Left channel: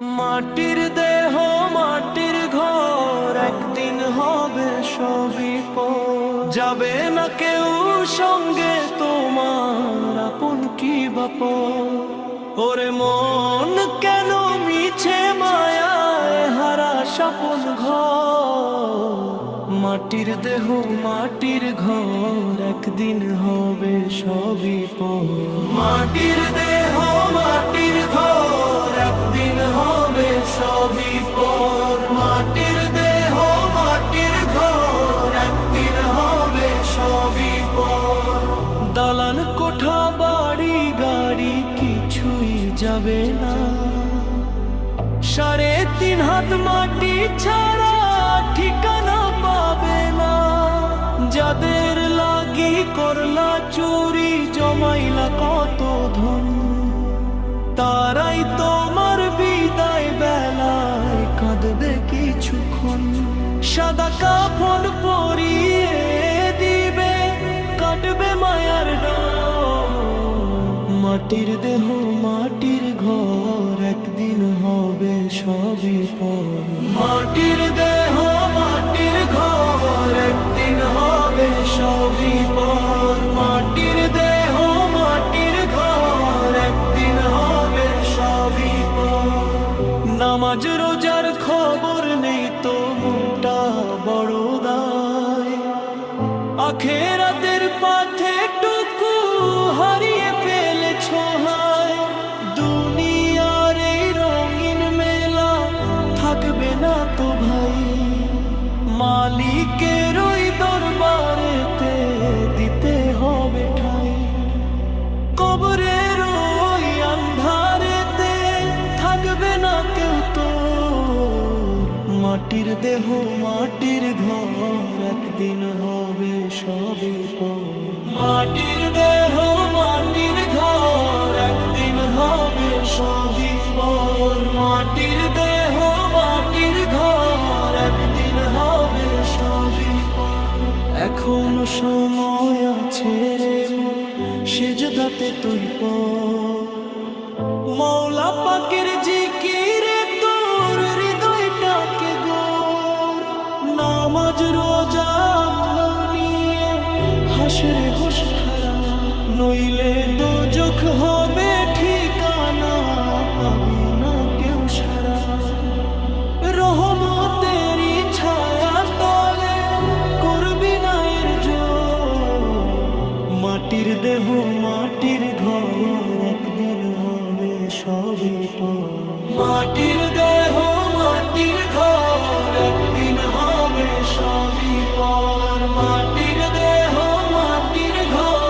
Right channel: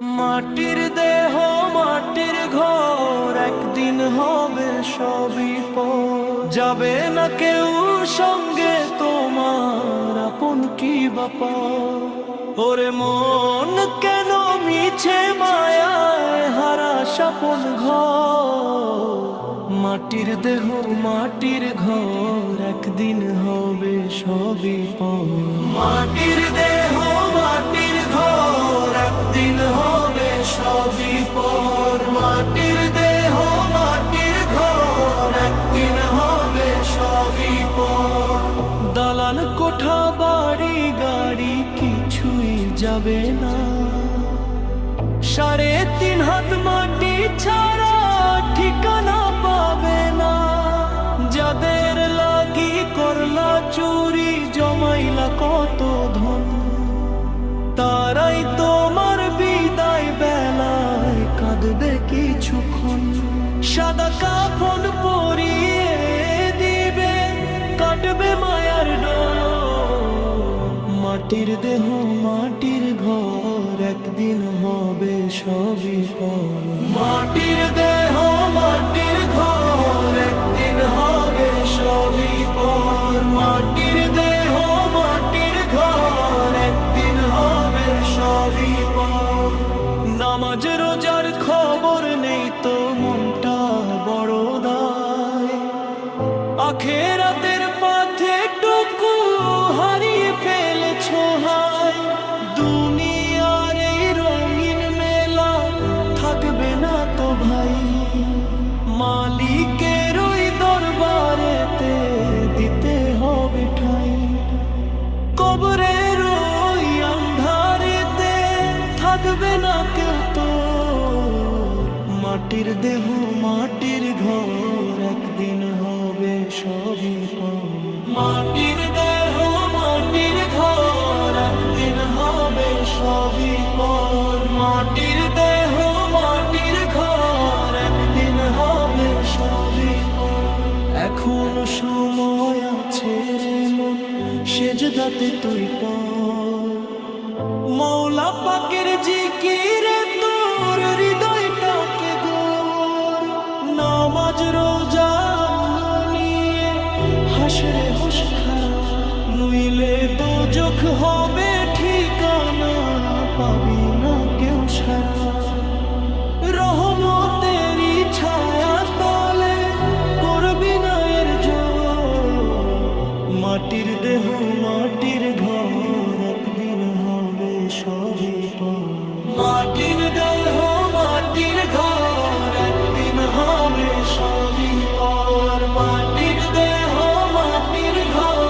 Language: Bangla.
মাটির দেহ মাটির ঘর, একদিন হবে সবই পর। যাবে না কেউ সঙ্গে তোমার, আপন কি বাপর। ওরে মন কেন মিছে মায়ায় হারা স্বপন ঘর। মাটির দেহ মাটির ঘর, একদিন হবে সবই পর। মাটির দেহ মাটির ঘর, একদিন হবে সবই পর। মাটির দেহ মাটির ঘর, একদিন হবে সবই পর। দালান কোঠা বাড়ি গাড়ি কিছুই যাবে না, 3.5 হাত মাটি ছাড়া ঠিকানা পাবে না। যাদের লাগি করলা চুরি, জমাইলা কত ধন, তারাই তোমার বিদায় বেলায় কাঁদবে কিছুক্ষণ। সাদা কাফন পরিয়ে দিবে, কাটবে মায়ার ডোর। মাটির দেহ মাটির ঘর, একদিন হবে সবই পর। মাটির দেহ মাটির ঘর, একদিন হবে সবই পর। মাটির দেহ মাটির ঘর, একদিন হবে সবই পর। নামাজ রোজার খবর নেই তো মনটা বড় দায়, আখেরাতের পথে টুকু হারিয়ে ফেলেছো হায়। দুনিয়ার এই রঙিন মেলা থাকবে না তো ভাই, মালিকের ওই দরবারেতে দিতে হবে ঠাই। কবরের ওই আন্ধারেতে থাকবে না কেউ তো। মাটির দেহ মাটির ঘর, একদিন হবে সবই পর। মাটির দেহ মাটির ঘর, একদিন হবে সবই পর। মাটির দেহ মাটির ঘর, একদিন হবে সবই পর। এখনো সময় আছে রে মন, সেজদাতে তুই পর। মৌলা পাকের জিকিরে তোর হৃদয়টাকে গোর। নামাজ রোজা নিয়ে হাসরে হোশ খারা, নইলে দোজখ হবে ঠিকানা, পাবি না কেউ সারা। রহমতেরই ছায়া তলে করবি না এর জোর। মাটির দেহ মাটির ঘর, একদিন হবে সবই পর। মাটির দেহ মাটির ঘর, একদিন হবে সবই পর। মাটির দেহ মাটির ঘর।